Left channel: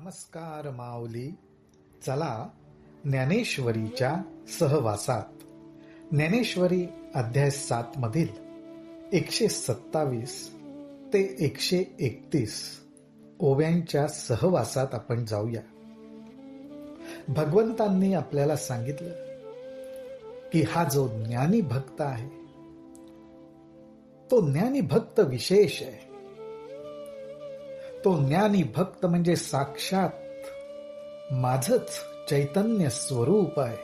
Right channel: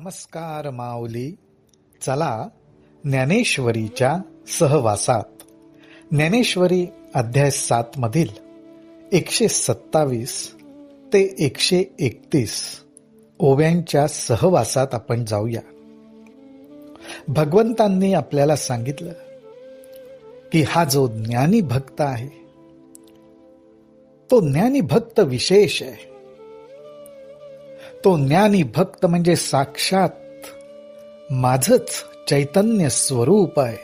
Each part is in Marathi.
नमस्कार माऊली. चला ज्ञानेश्वरीच्या सहवासात. ज्ञानेश्वरी अध्याय 7 मधील 127 ते 131 ओव्यांच्या सहवासात आपण जाऊया. भगवंतांनी आपल्याला सांगितलं की हा जो ज्ञानी भक्त आहे तो ज्ञानी भक्त विशेष आहे. तो ज्ञानी भक्त म्हणजे साक्षात माझंच चैतन्य स्वरूप आहे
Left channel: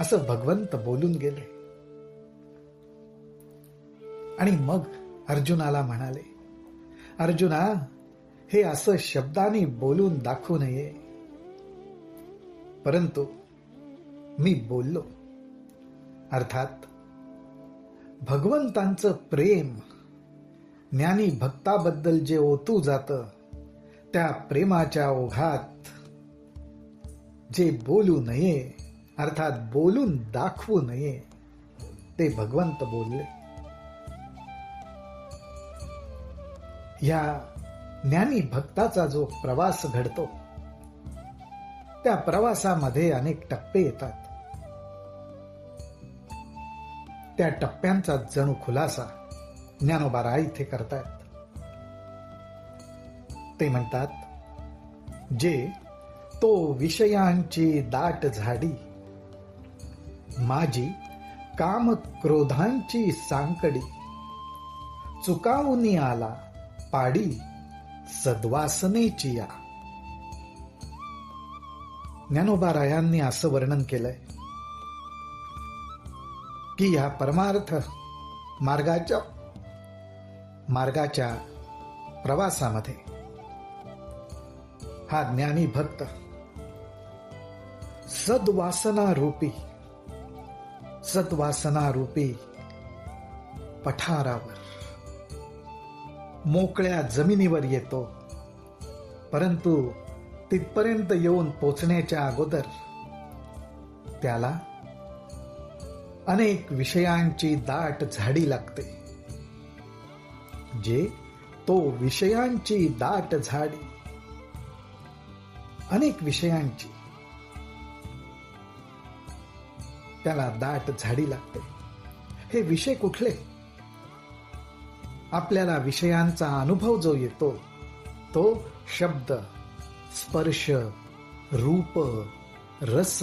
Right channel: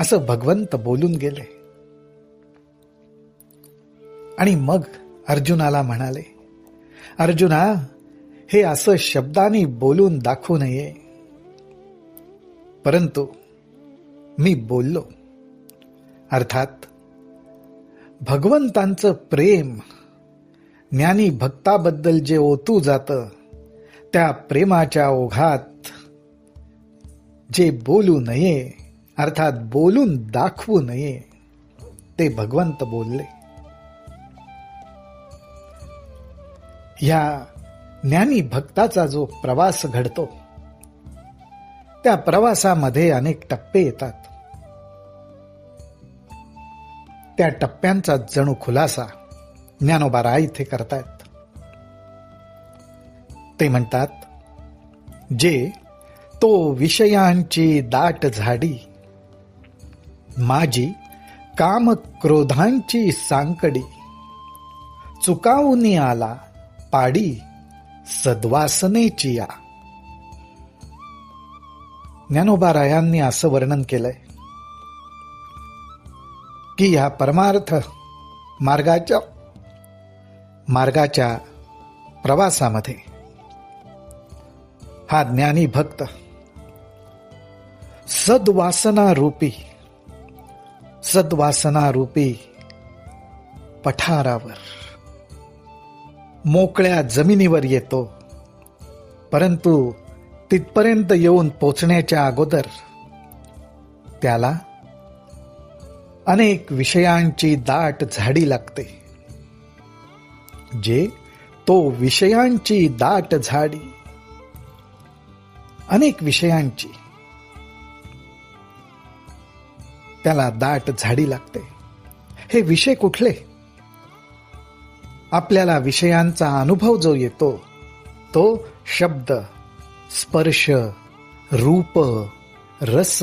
असं भगवंत बोलून गेले. आणि मग अर्जुनाला म्हणाले, अर्जुना, हे असं शब्दांनी बोलून दाखवू नये, परंतु मी बोललो. अर्थात भगवंतांचं प्रेम ज्ञानी भक्ताबद्दल जे ओतू जातं त्या प्रेमाच्या ओघात जे बोलू नये, अर्थात बोलून दाखवू नये, ते भगवंत बोलले. या ज्ञानी भक्ताचा जो प्रवास घडतो त्या प्रवासामध्ये अनेक टप्पे येतात. त्या टप्प्यांचा जणू खुलासा ज्ञानोबा राय इथे करतायत. ते म्हणतात, जे तो विषयांची दाट झाडी, माझी काम क्रोधांची सांकडी, चुकावूनी आला पाडी सद्वासनेची या. ज्ञानोबा रायांनी असं वर्णन केलंय की या परमार्थ मार्गाच्या प्रवासामध्ये हा ज्ञानी भक्त सद्वासना रूपी पठारावर, मोकळ्या जमिनीवर येतो. परंतु तिथपर्यंत येऊन पोचण्याच्या अगोदर त्याला अनेक विषयांची दाट झाडी लागते. जे तो विषयांची दाट झाडी, अनेक विषयांची त्याला दाट झाडी लागते. हे विषय कुठले? आपल्याला विषयांचा अनुभव जो येतो तो शब्द, स्पर्श, रूप, रस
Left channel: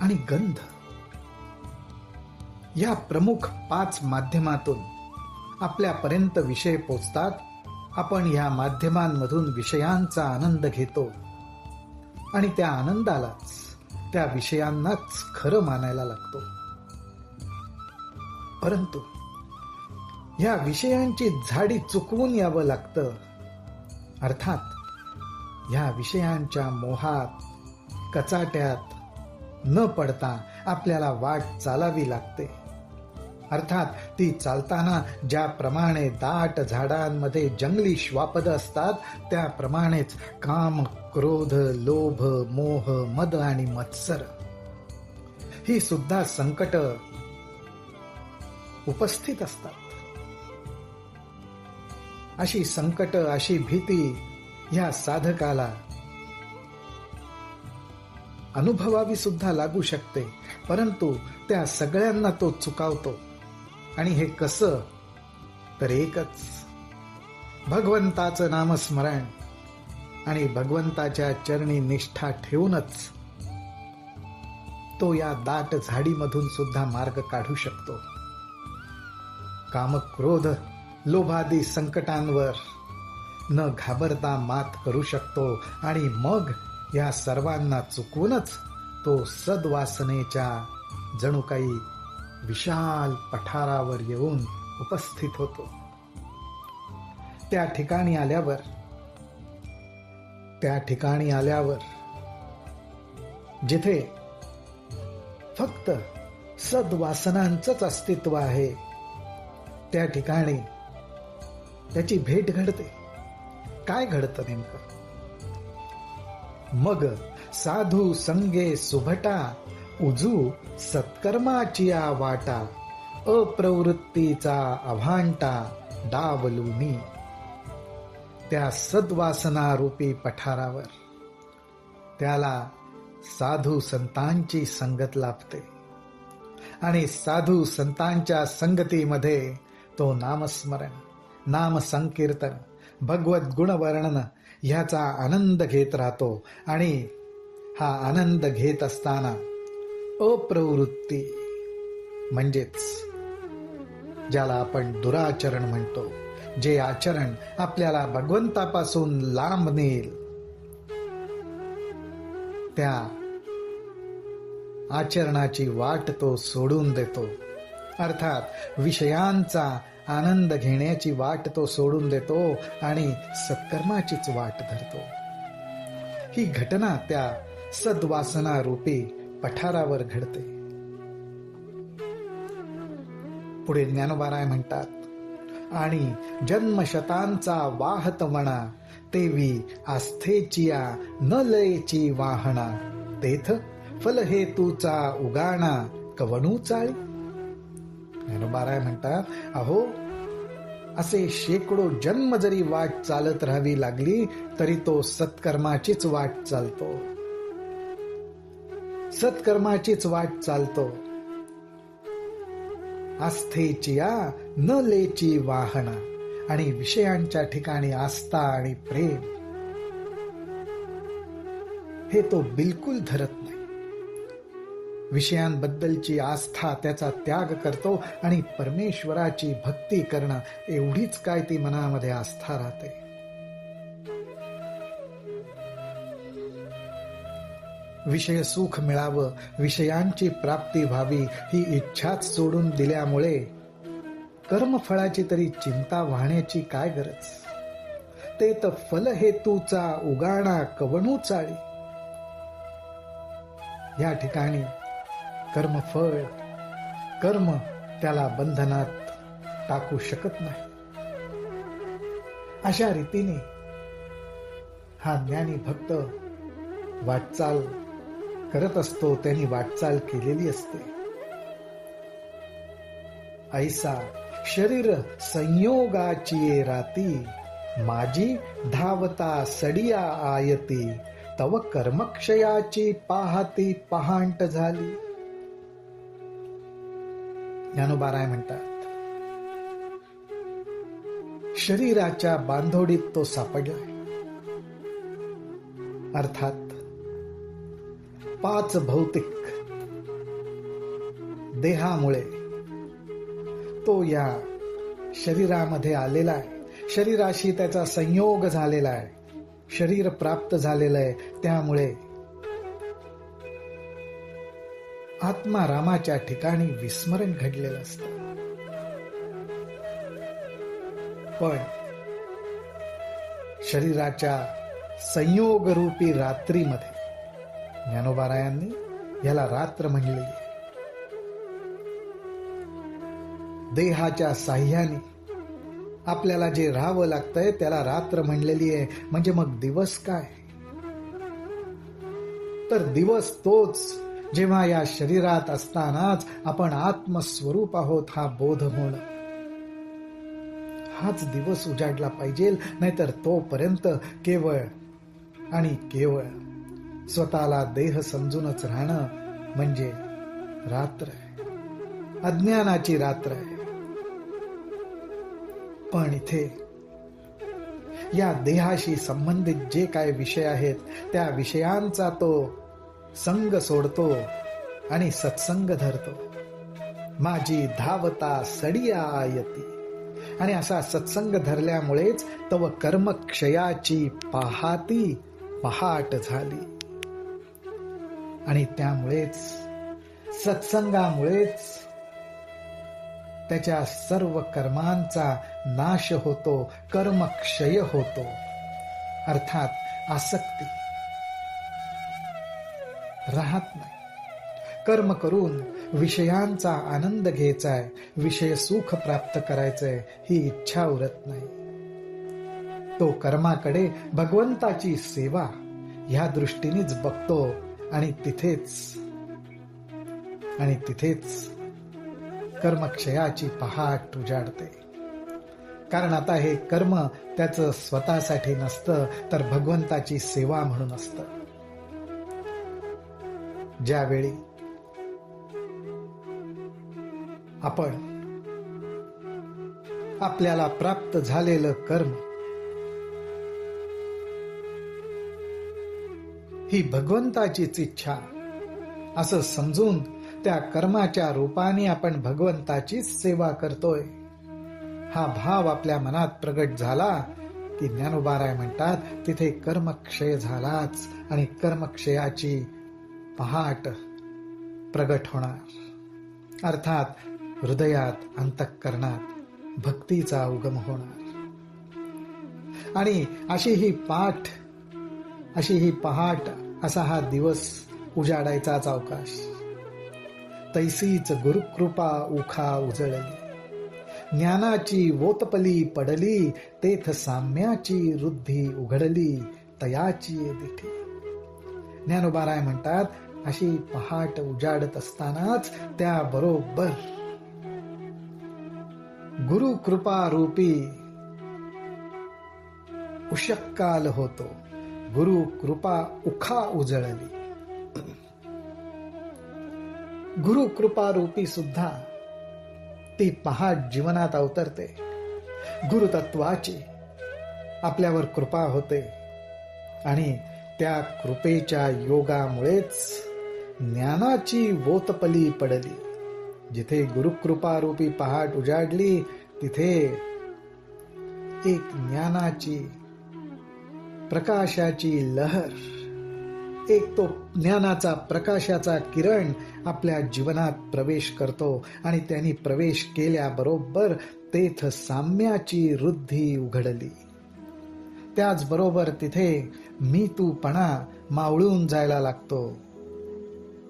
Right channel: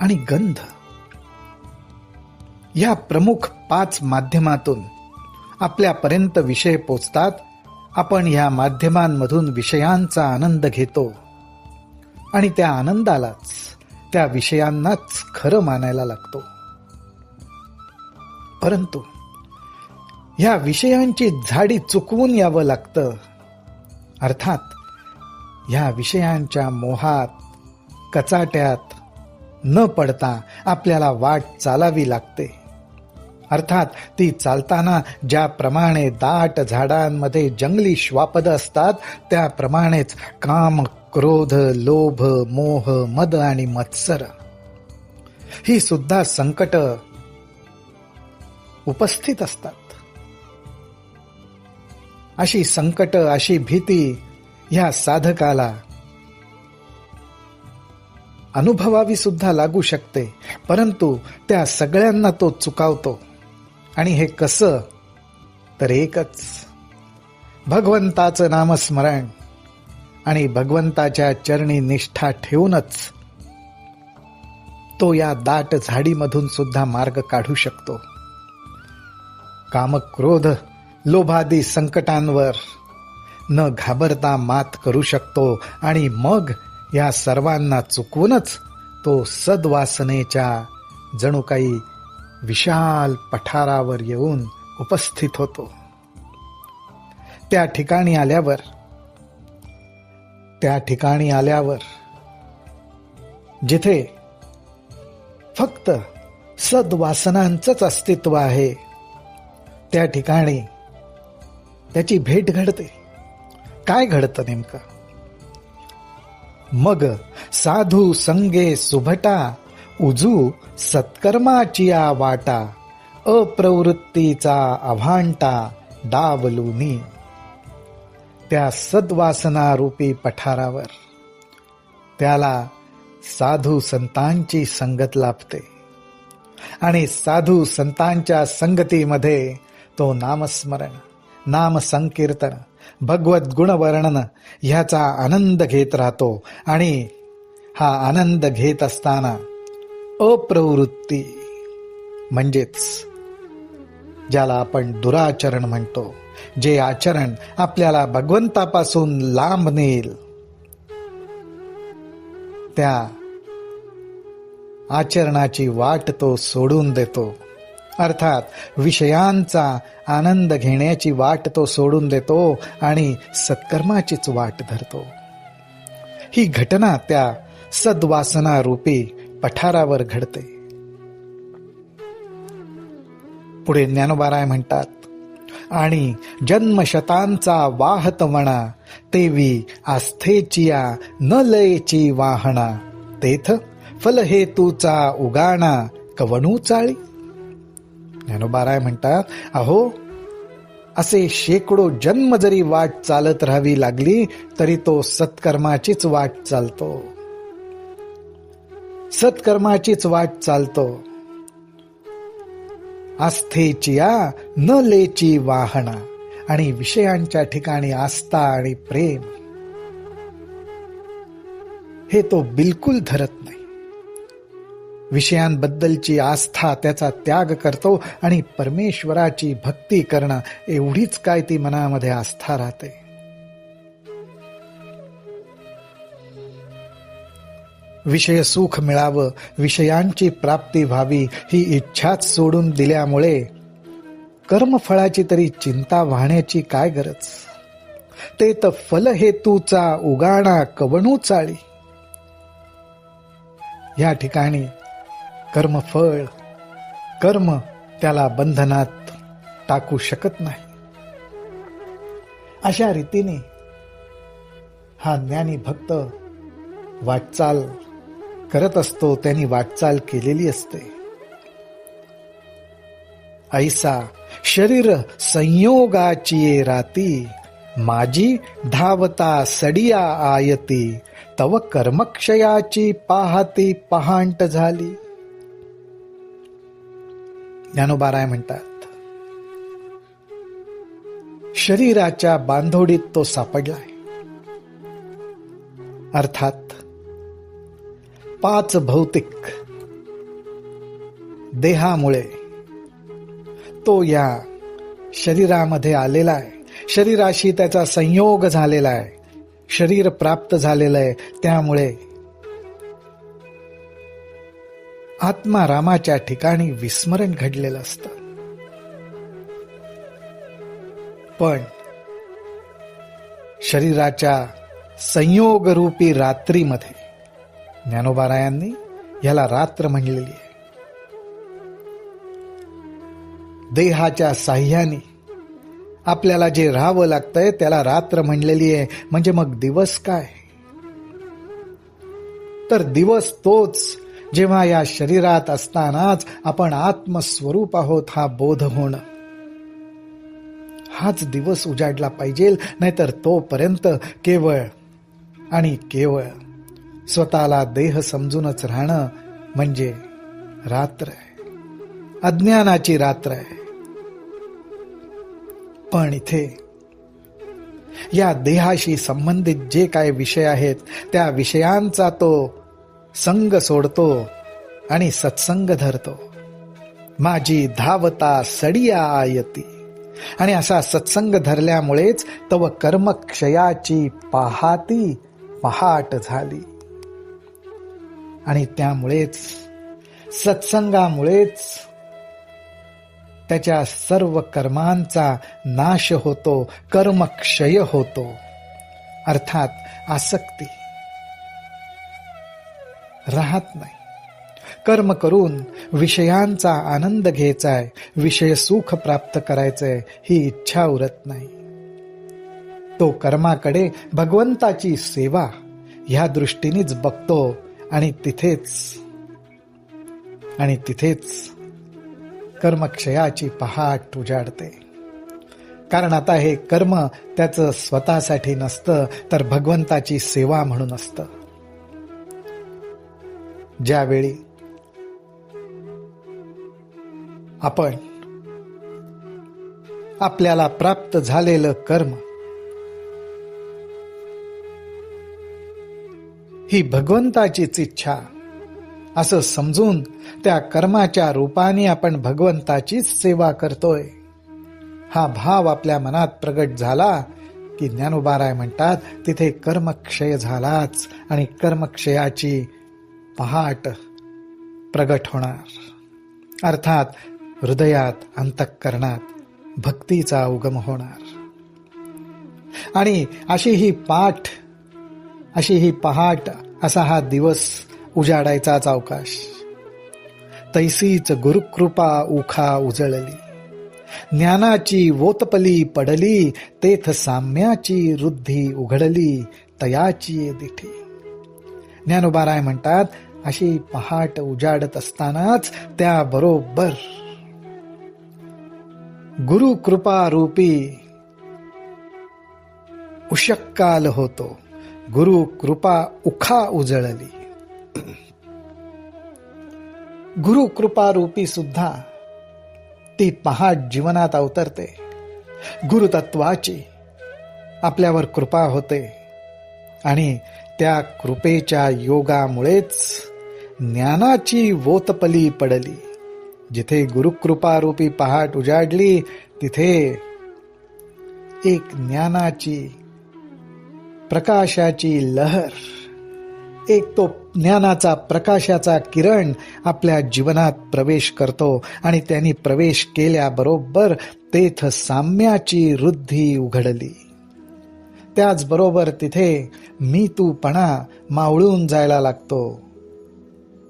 आणि गंध या प्रमुख 5 माध्यमातून आपल्यापर्यंत विषय पोचतात. आपण ह्या माध्यमांमधून विषयांचा आनंद घेतो आणि त्या आनंदालाच, त्या विषयांनाच खरं मानायला लागतो. परंतु ह्या विषयांची झाडी चुकवून यावं लागतं. अर्थात ह्या विषयांच्या मोहात, कचाट्यात न पडता आपल्याला वाट चालावी लागते. अर्थात ती चालताना ज्याप्रमाणे दाट झाडांमध्ये जंगली श्वापद असतात त्याप्रमाणेच काम, क्रोध, लोभ, मोह, मद आणि मत्सर ही सुद्धा संकट उपस्थित असतात. अशी संकट, अशी भीती ह्या साधकाला अनुभवावी सुद्धा लागू शकते. परंतु त्या सगळ्यांना तो चुकावतो. आणि हे कसं? तर एकच, भगवंताचं नामस्मरण आणि भगवंताच्या चरणी निष्ठा ठेवूनच तो या दाट झाडीमधून सुद्धा मार्ग काढू शकतो. काम, क्रोध, लोभादी संकटांवर न घाबरता मात करू शकतो. आणि मग या सर्वांना चुकवूनच तो सद्वासनेच्या जणू काही विशाल पठारावर येऊन उपस्थित होतो. त्या ठिकाणी आल्यावर जिथे फक्त सद्वासनांचंच अस्तित्व आहे त्या ठिकाणी त्याची भेट घडते. काय घडतं नेमकं? मग साधू संगे सुभटा, उजू सत्कर्माची वाटा, अप्रवृत्तीचा अभांटा डावलुनी. त्या सद्वासना रूपी पठारावर त्याला साधू संतांची संगत लाभते आणि साधू संतांच्या संगतीमध्ये तो नामस्मरण, नाम संकीर्तन, भगवत गुणवर्णन ह्याचा आनंद घेत राहतो. आणि हा आनंद घेत असताना अप्रवृत्ती म्हणजेच ज्याला आपण दुराचरण म्हणतो, जे आचरण आपल्याला भगवंतापासून लांब नेईल, त्या आचरणाची वाट तो सोडून देतो. अर्थात विषयांचा आनंद घेण्याची वाट तो सोडून देतो आणि सत्कर्माचीच वाट धरतो. ही घटना त्या सद्वासना रूपी पठारावर घडते. पुढे ज्ञानोबाराय म्हणतात, आणि जन्मशतांचा वाहत वणा, तेवी आस्थेचिया न लयची वाहना, तेथ फलहेतूचा उगाणा कवणू चाळी. ज्ञानोबाराय म्हणतात, अहो असे शेकडो जन्म जरी वाट चालत राहावी लागली तरी तो सत्कर्माचीच वाट चालतो, सत्कर्माचीच वाट चालतो. आस्थेचिया न लेची वाहना, आणि विषयांच्या ठिकाणी आस्था आणि प्रेम हे तो बिलकुल धरत नाही. विषयांबद्दलची आस्था त्याचा त्याग करतो आणि परमेश्वराची भक्ती करणं एवढीच काय ती मनामध्ये आस्था राहते. विषय सुख मिळावं, विषयांची प्राप्ती व्हावी ही इच्छाच सोडून दिल्यामुळे कर्मफळाची तरी चिंता वाहण्याची काय गरज. ते तर फलहेतूचा उगाणा कवणू चाळी. या ठिकाणी कर्मफळ, कर्म त्याला बंधनात टाकू शकत नाही. अशा रीतीने हा ज्ञानी भक्त वाटचाल करत असतो, त्यांनी वाटचाल केलेली असते. ऐसा शरीर संयोगाची राती, माझी धावता सडिया आयती, तव कर्मक्षयाची पाहती पहांट झाली. ज्ञानोबाराय म्हणतात, शरीराच्या बांधोडीत तो सापडलाय. अर्थात 5 भौतिक देहामुळे तो या शरीरामध्ये आलेला आहे. शरीराशी त्याचा संयोग झालेला आहे, शरीर प्राप्त झालेलं आहे. त्यामुळे आत्मारामाच्या ठिकाणी विस्मरण घडलेलं असतं. पण शरीराच्या संयोगरूपी रात्रीमध्ये ज्ञानोबारायांनी याला रात्र म्हणलेली आहे. देहाच्या साह्याने आपल्याला जे राहावं लागतंय त्याला रात्र म्हणलेली आहे. म्हणजे मग दिवस काय? तर दिवस तोच जेव्हा या शरीरात असतानाच आपण आत्मस्वरूप आहोत हा बोध होणं. हाच दिवस उजाडला पाहिजे, नाहीतर तोपर्यंत केवळ आणि केवळ स्वतःला देह समजूनच राहणं म्हणजे रात्र आहे, अज्ञानाची रात्र आहे. पण इथे या देहाशी संबंधित जे काय विषय आहेत त्या विषयांचा तो संग सोडतो आणि सत्संग धरतो. माझी धावता सडिया आयती. आणि असा सत्संग धरल्यामुळेच तव कर्मक्षयाची पाहाती पहाट झाली. आणि त्यामुळेच सत्संगामुळेच त्याच्या सर्व कर्मांचा नाश होतो, कर्मक्षय होतो. अर्थात आसक्ती राहत नाही. कर्म करून विषयांचा आनंद घ्यायचाय, विषय सुख प्राप्त करायचंय ही इच्छा उरत नाही. तो कर्माकडे भगवंताची सेवा ह्या दृष्टीनेच बघतो आणि तिथेच कर्मक्षयाची पहाट उजाडते. कारण आता हे कर्म त्याचं स्वतःसाठी नसतं, तर भगवंताची सेवा म्हणून असतं. ज्यावेळी आपण आपल्याला प्राप्त झालेलं कर्म ही भगवंताचीच इच्छा असं समजून त्या कर्माच्या रूपाने आपण भगवंताचीच सेवा करतोय, हा भाव आपल्या मनात प्रगट झाला की ज्ञानोबाराय म्हणतात तिथे कर्मक्षय झालाच, आणि कर्मक्षयाची पहाट प्रगट होणार. अर्थात हृदयात, अंतःकरणात भक्तीचा उगम होणार. आणि अशी ही पहाट, असा हा दिवस उजाडायचाच अवकाश. तैसीच गुरुकृपा उखा उजळली, ज्ञानाची वोतपली पडली, तेथ साम्याची रुद्धी उघडली, तयाची दिठी. ज्ञानोबाराय म्हणतात अशी पहाट उजाडत असतानाच त्याबरोबर गुरु कृपा रूपी उषक्काल होतो. गुरु कृपा उखा उजळली. गुरु कृपा रूपी सुद्धा ती पहाट जीवनात अवतरते. गुरुतत्वाची आपल्यावर कृपा होते आणि त्या कृपेच्या योगामुळेच ज्ञानाची वोतपली पडली. जिथे गुरुकृपा रूपी पहाट उजाडली तिथे एक ज्ञानाची, प्रकाशाची लहर, एक तो ज्ञानाचा प्रकाशाचा किरण आपल्या जीवनात प्रवेश करतो. आणि त्यांनी प्रवेश केल्याबरोबर तेथ साम्याची रुद्धी उघडली. त्याचबरोबर तिथे मी तूपणा मावळून जायला लागतो.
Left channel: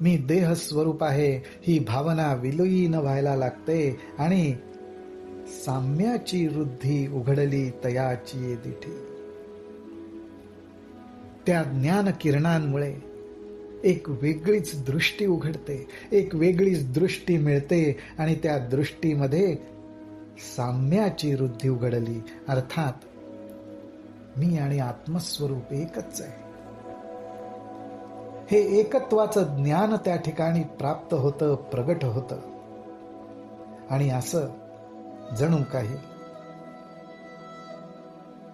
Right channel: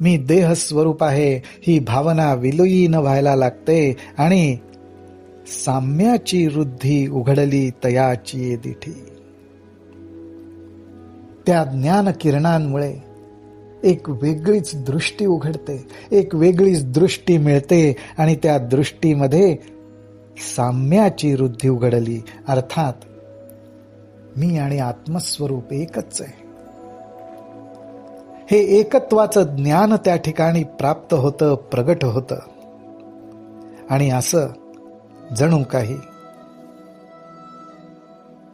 मी देह स्वरूप आहे ही भावना विलीन व्हायला लागते आणि साम्याची रुद्धी उघडली, तयाची दिठी. त्या ज्ञान किरणांमुळे एक वेगळीच दृष्टी उघडते, एक वेगळीच दृष्टी मिळते आणि त्या दृष्टीमध्ये साम्याची रुद्धी उघडली. अर्थात मी आणि आत्मस्वरूप एकच आहे, हे एकत्वाचं ज्ञान त्या ठिकाणी प्राप्त होतं, प्रगट होतं. आणि असं जणू काही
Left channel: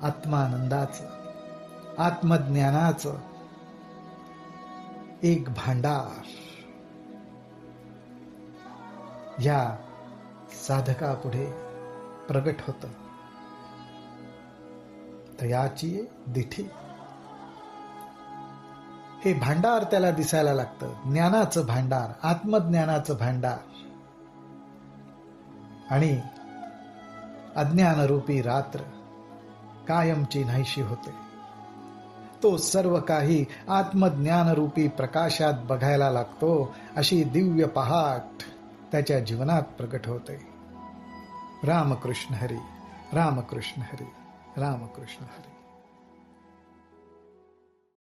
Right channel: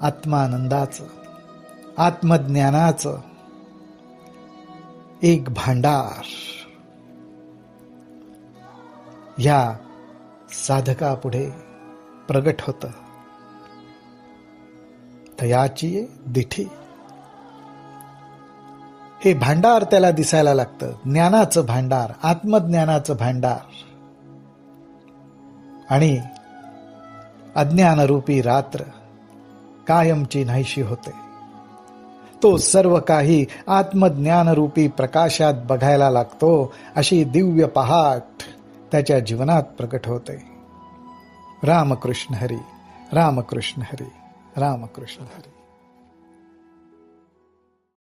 आत्मानंदाचं, आत्मज्ञानाचं एक भांडार या साधकापुढे प्रगट होतं. तयाची दिठी. हे भांडार त्याला दिसायला लागतं, ज्ञानाचं भांडार, आत्मज्ञानाचं भांडार. आणि अज्ञानरूपी रात्र कायमची नाहीशी होते. तो सर्व काही आत्मज्ञानरूपी प्रकाशात बघायला लागतो. अशी दिव्य पहाट त्याच्या जीवनात प्रगट होते. रामकृष्ण हरी, रामकृष्ण हरी, रामकृष्ण हरी.